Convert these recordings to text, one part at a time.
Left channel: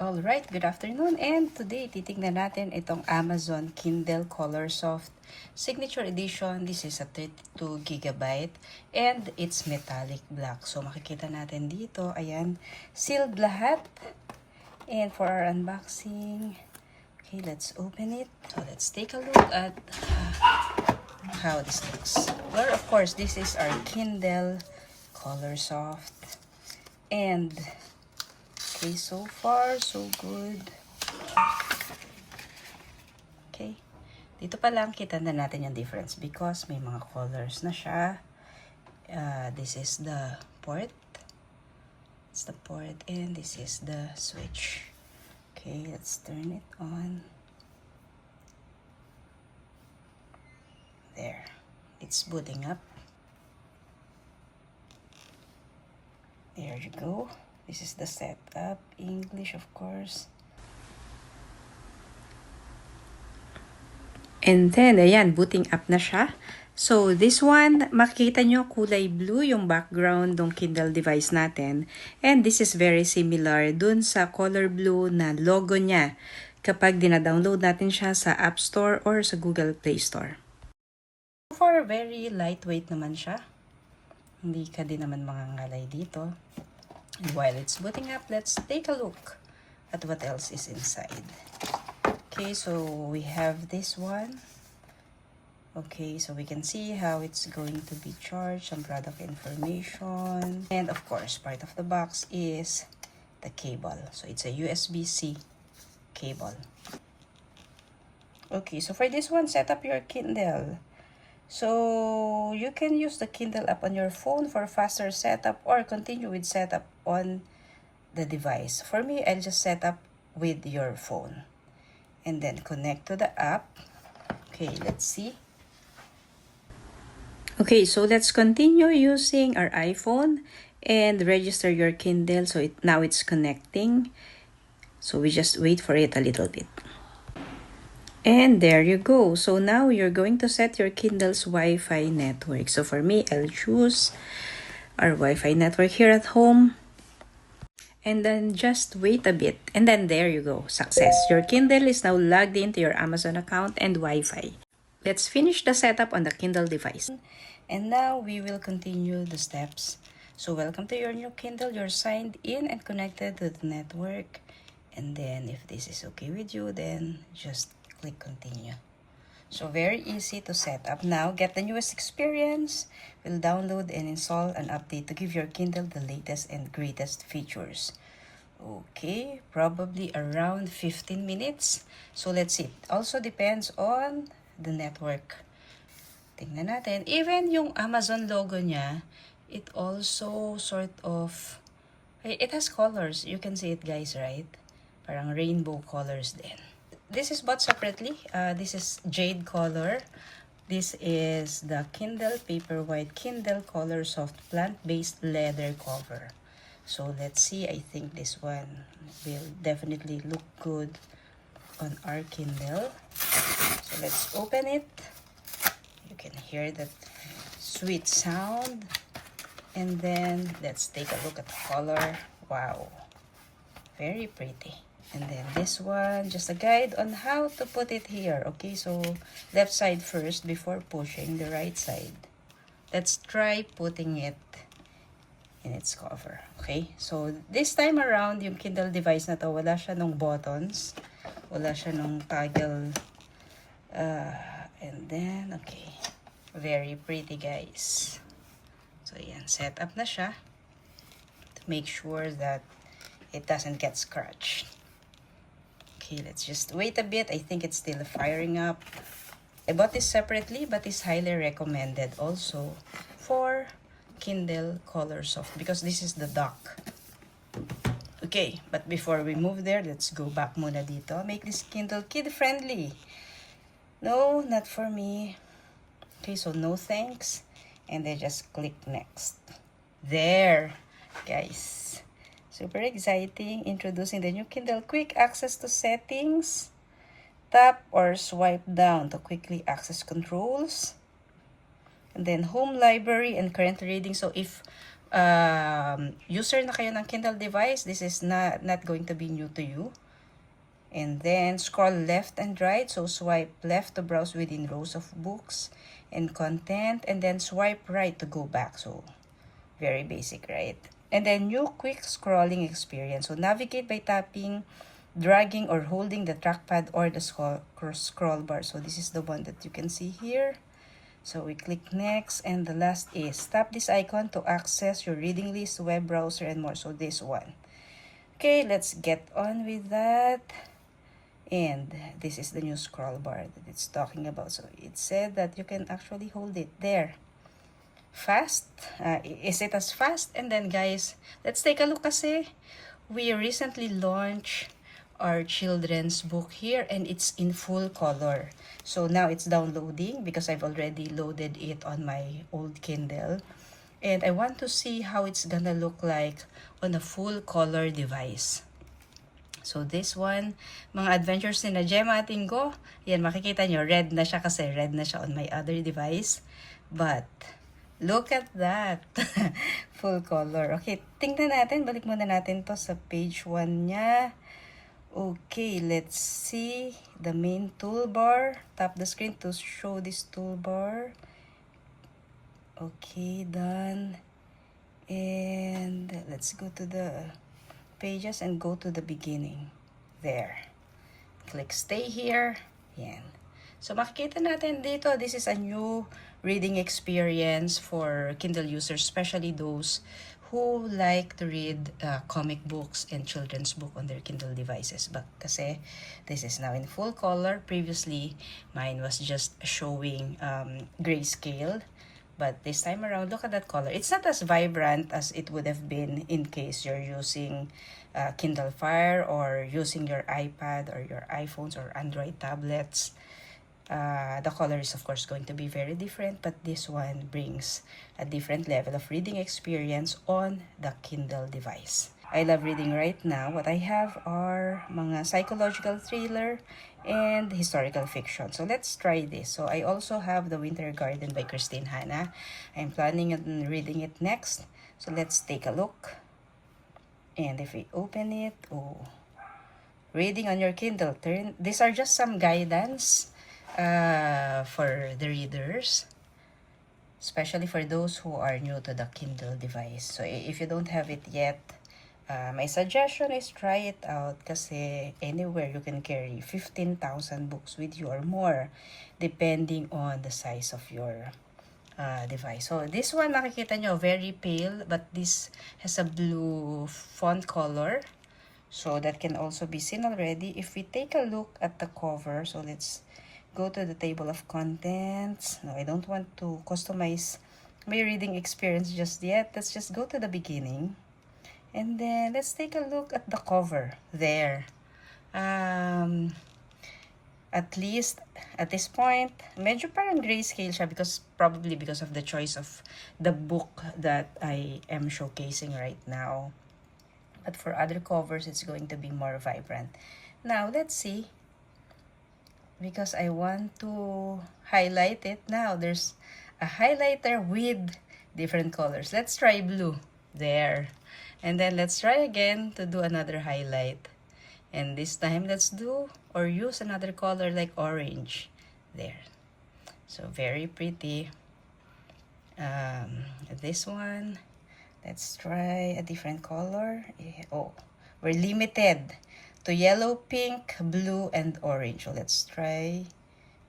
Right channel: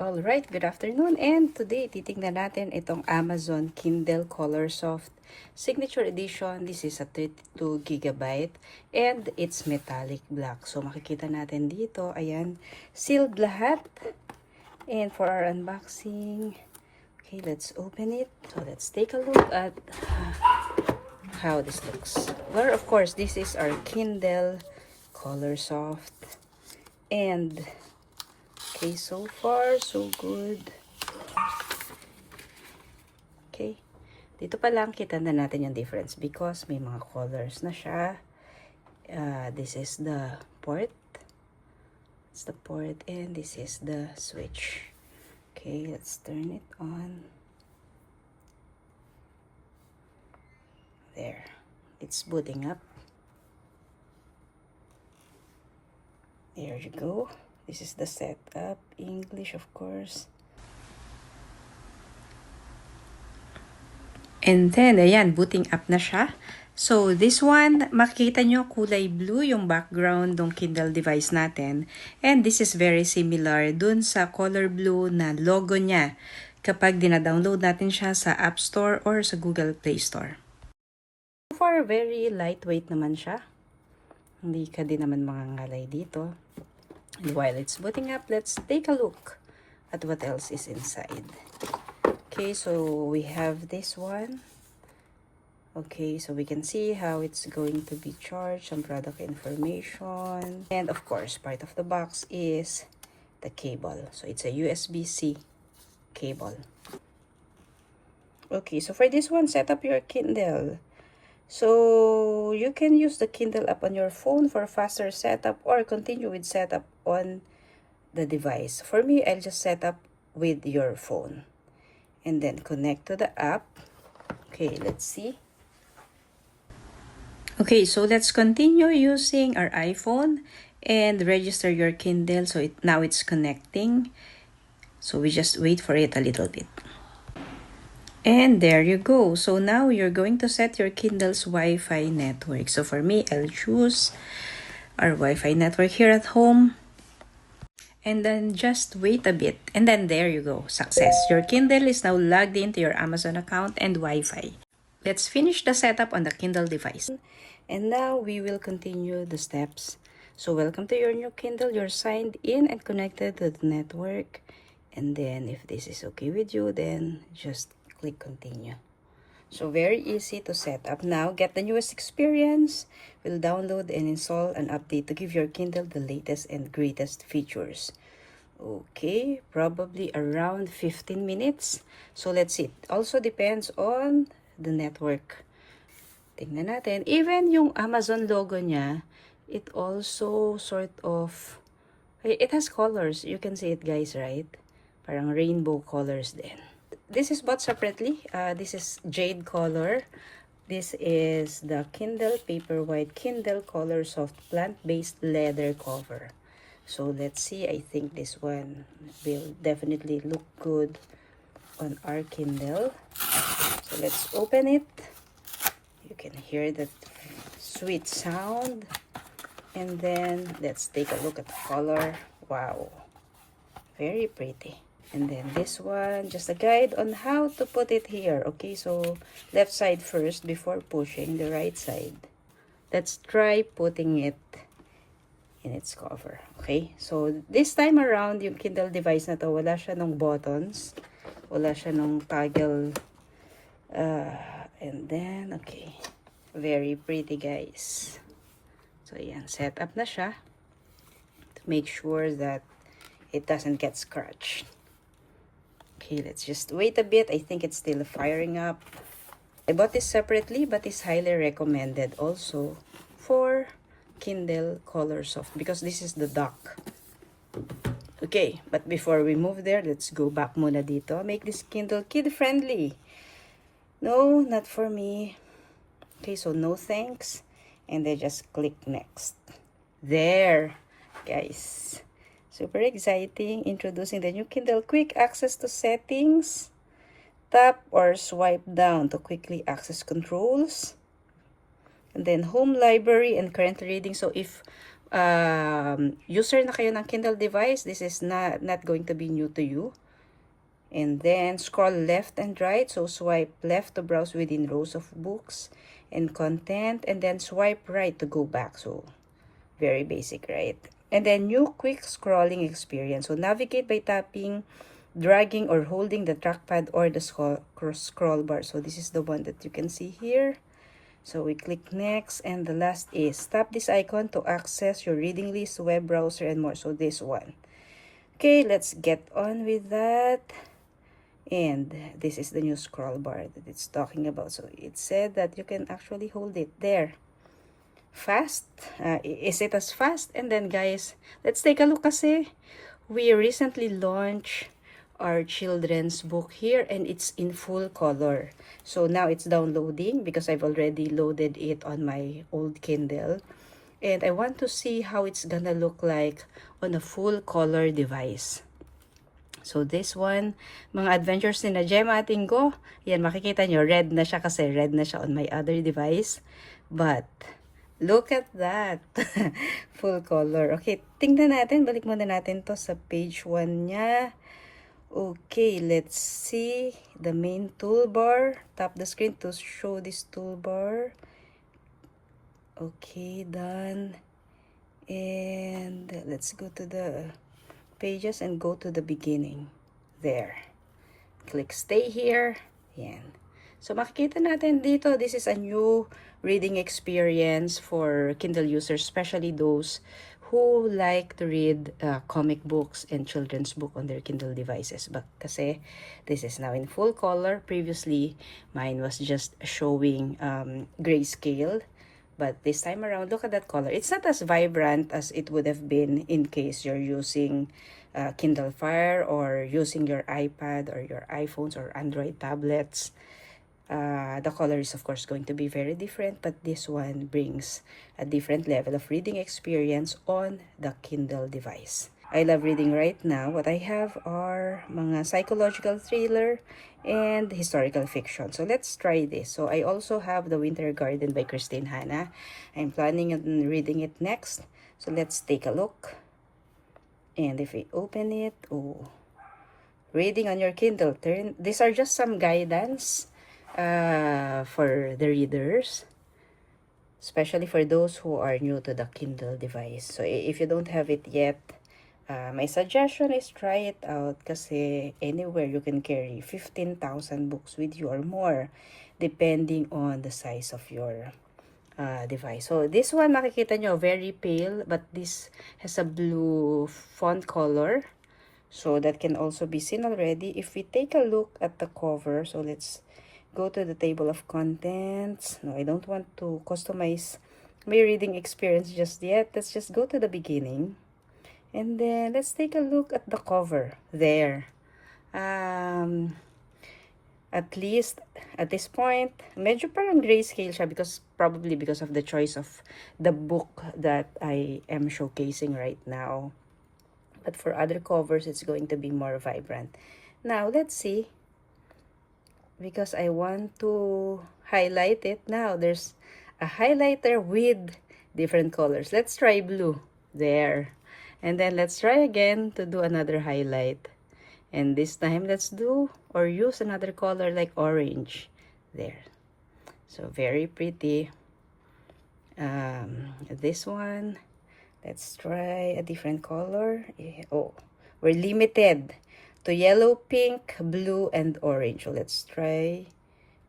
Alright, good afternoon, and today titingnan natin itong Amazon Kindle Colorsoft Signature Edition. This is a 32 GB and it's metallic black. So makikita natin dito, ayan, sealed lahat. And for our unboxing, okay, let's open it. So let's take a look at how this looks. Or of course, this is our Kindle Colorsoft. And okay, so far, so good. Okay. Dito pa lang kita na natin yung difference because may mga colors na siya. This is the port. It's the port and this is the switch. Okay, let's turn it on. There. It's booting up. There you go. This is the setup. English, of course. And then, ayan, booting up na siya. So, this one, makikita nyo kulay blue yung background ng Kindle device natin. And this is very similar dun sa color blue na logo niya kapag dina-download natin siya sa App Store or sa Google Play Store. So far, very lightweight naman siya. Hindi ka din naman mangangalay dito. And while it's booting up, let's take a look at what else is inside. Okay, so we have this one. Okay, so we can see how it's going to be charged, some product information. And of course, part of the box is the cable. So it's a USB-C cable. Okay, so for this one, set up your Kindle. So you can use the Kindle app on your phone for faster setup or continue with setup on the device. For me, I'll just set up with your phone and then connect to the app. Okay, let's see. Okay, so let's continue using our iPhone and register your Kindle. So now it's connecting. So we just wait for it a little bit. And there you go. So now you're going to set your Kindle's Wi-Fi network. So for me, I'll choose our Wi-Fi network here at home. And then just wait a bit. And then there you go. Success. Your Kindle is now logged into your Amazon account and Wi-Fi. Let's finish the setup on the Kindle device. And now we will continue the steps. So welcome to your new Kindle. You're signed in and connected to the network. And then if this is okay with you, then just click continue. So very easy to set up. Now get the newest experience. We'll download and install an update to give your Kindle the latest and greatest features. Okay, probably around 15 minutes. So let's see. It also depends on the network. Tingnan natin. Even yung Amazon logo niya, it also sort of, it has colors. You can see it, guys, right? Parang rainbow colors din. This is bought separately. This is jade color. This is the Kindle Paperwhite Kindle Colorsoft plant-based leather cover. So let's see. I think this one will definitely look good on our Kindle. So let's open it. You can hear that sweet sound. And then let's take a look at the color. Wow. Very pretty. And then this one, just a guide on how to put it here. Okay, so left side first before pushing the right side. Let's try putting it in its cover. Okay, so this time around, yung Kindle device na to, wala siya nung buttons. Wala siya nung toggle. And then, okay. Very pretty, guys. So, yan. Set up na siya. To make sure that it doesn't get scratched. Okay, let's just wait a bit. I think it's still firing up. I bought this separately, but it's highly recommended also for Kindle Colorsoft because this is the dock. Okay, but before we move there, let's go back muna dito. Make this Kindle kid-friendly. No, not for me. Okay, so no thanks. And then just click next. There, guys. Super exciting. Introducing the new Kindle Quick Access to Settings. Tap or swipe down to quickly access controls. And then home library and current reading. So if user na kayo ng Kindle device, this is not going to be new to you. And then scroll left and right, so swipe left to browse within rows of books and content, and then swipe right to go back. So very basic, right? And then new quick scrolling experience, so navigate by tapping, dragging, or holding the trackpad or the scroll bar. So this is the one that you can see here. So we click next, and the last is tap this icon to access your reading list, web browser, and more. So this one. Okay, let's get on with that. And this is the new scroll bar that it's talking about. So it said that you can actually hold it there. Fast? Is it as fast? And then guys, let's take a look kasi we recently launched our children's book here, and it's in full color. So now it's downloading because I've already loaded it on my old Kindle. And I want to see how it's gonna look like on a full color device. So this one, mga adventures ni na Gemma Atinggo, yan makikita nyo, red na siya kasi red na siya on my other device. But, look at that. Full color. Okay, tingnan natin, balik muna natin to sa page 1 niya. Okay, let's see the main toolbar. Tap the screen to show this toolbar. Okay, done. And let's go to the pages and go to the beginning. There. Click stay here. Yan. So makikita natin dito, this is a new reading experience for Kindle users, especially those who like to read comic books and children's book on their Kindle devices. But kasi this is now in full color. Previously, mine was just showing grayscale. But this time around, look at that color. It's not as vibrant as it would have been in case you're using Kindle Fire or using your iPad or your iPhones or Android tablets. The color is of course going to be very different, but this one brings a different level of reading experience on the Kindle device. I love reading right now. What I have are mga psychological thriller and historical fiction. So let's try this. So I also have The Winter Garden by Christine Hanna. I'm planning on reading it next. So let's take a look. And if we open it, oh, reading on your Kindle. These are just some guidance for the readers, especially for those who are new to the Kindle device. So if you don't have it yet, my suggestion is try it out kasi anywhere you can carry 15,000 books with you or more depending on the size of your device. So this one makikita nyo very pale, but this has a blue font color. So that can also be seen already. If we take a look at the cover, so let's go to the table of contents. No, I don't want to customize my reading experience just yet. Let's just go to the beginning. And then, let's take a look at the cover. There. At least, at this point, medyo parang grayscale siya probably because of the choice of the book that I am showcasing right now. But for other covers, it's going to be more vibrant. Now, let's see. Because I want to highlight it. Now, there's a highlighter with different colors. Let's try blue. There. And then let's try again to do another highlight. And this time let's do or use another color like orange. There. So very pretty. This one, let's try a different color. Oh, we're limited to yellow, pink, blue, and orange. So let's try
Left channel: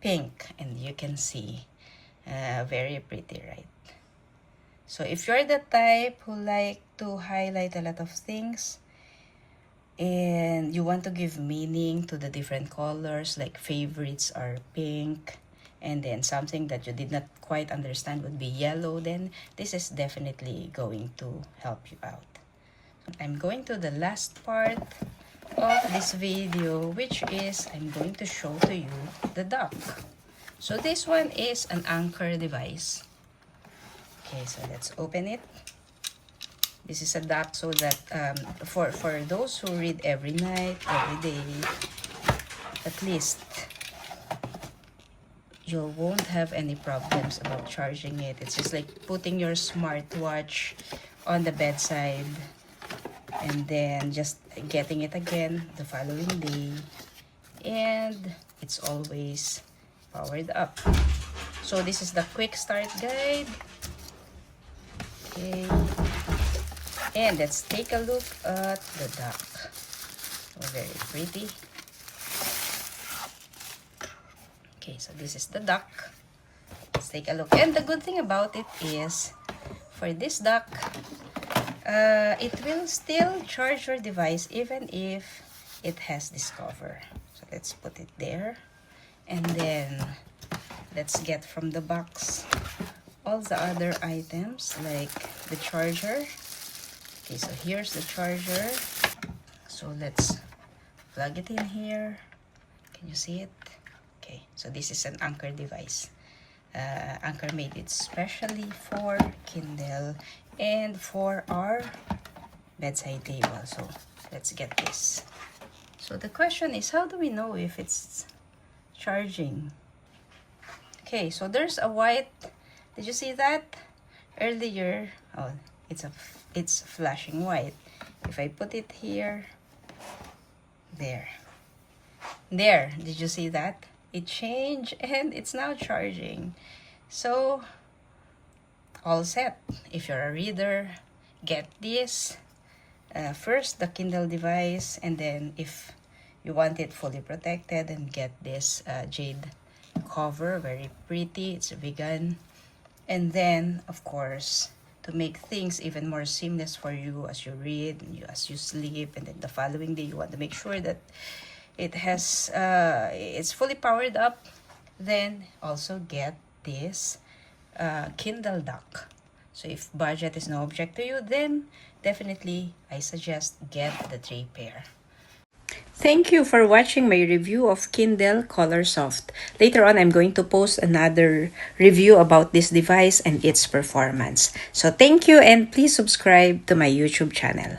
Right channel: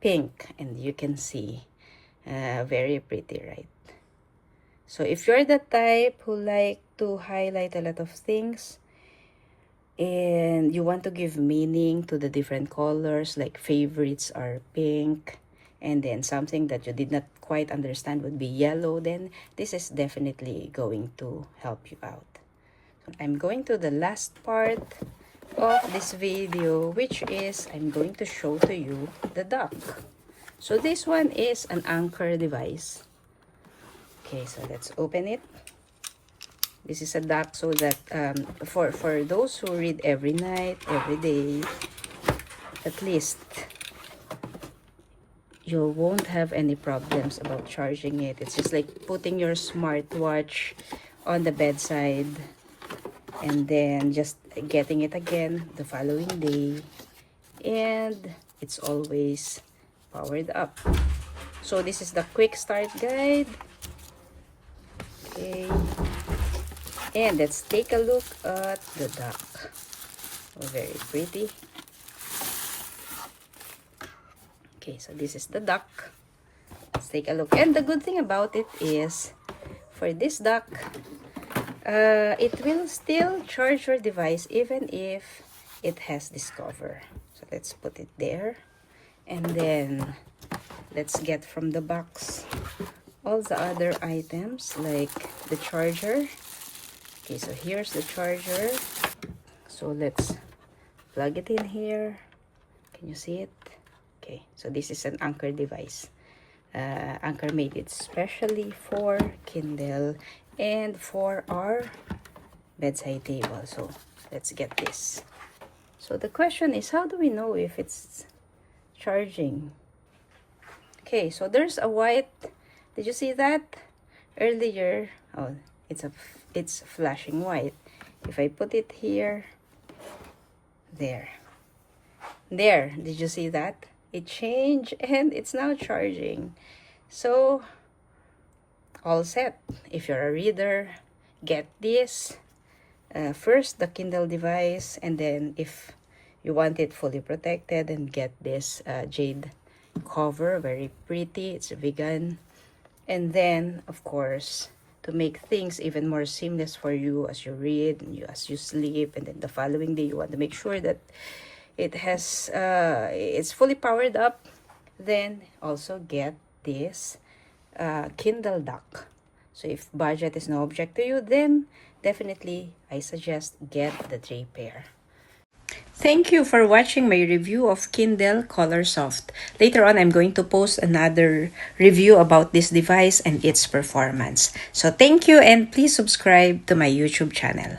pink, and you can see very pretty, right? So if you're the type who like to highlight a lot of things and you want to give meaning to the different colors, like favorites are pink, and then something that you did not quite understand would be yellow, then this is definitely going to help you out. I'm going to the last part of this video, which is I'm going to show to you the dock. So this one is an Anker device. Okay, so let's open it. This is a dock so that for those who read every night, every day, at least you won't have any problems about charging it. It's just like putting your smartwatch on the bedside, and then just getting it again the following day, and it's always powered up. So this is the quick start guide. Okay, and let's take a look at the duck. Oh, very pretty. Okay, so this is the duck. Let's take a look. And the good thing about it is, for this duck, it will still charge your device even if it has this cover. So let's put it there, and then let's get from the box all the other items like the charger. Okay, so here's the charger. So let's plug it in here. Can you see it? Okay, so this is an Anker device. Anker made it specially for Kindle and for our bedside table. So let's get this. So the question is, how do we know if it's charging? Okay, so there's a white, did you see that earlier? Oh, it's flashing white. If I put it here, there, did you see that? It changed and it's now charging. So all set. If you're a reader, get this first, the Kindle device, and then if you want it fully protected, and get this jade cover, very pretty. It's vegan. And then of course, to make things even more seamless for you as you read and as you sleep, and then the following day you want to make sure that it has it's fully powered up, then also get this Kindle dock. So if budget is no object to you, then definitely I suggest get the 3 pair. Thank you for watching my review of Kindle Colorsoft. Later on, I'm going to post another review about this device and its performance. So thank you, and please subscribe to my YouTube channel.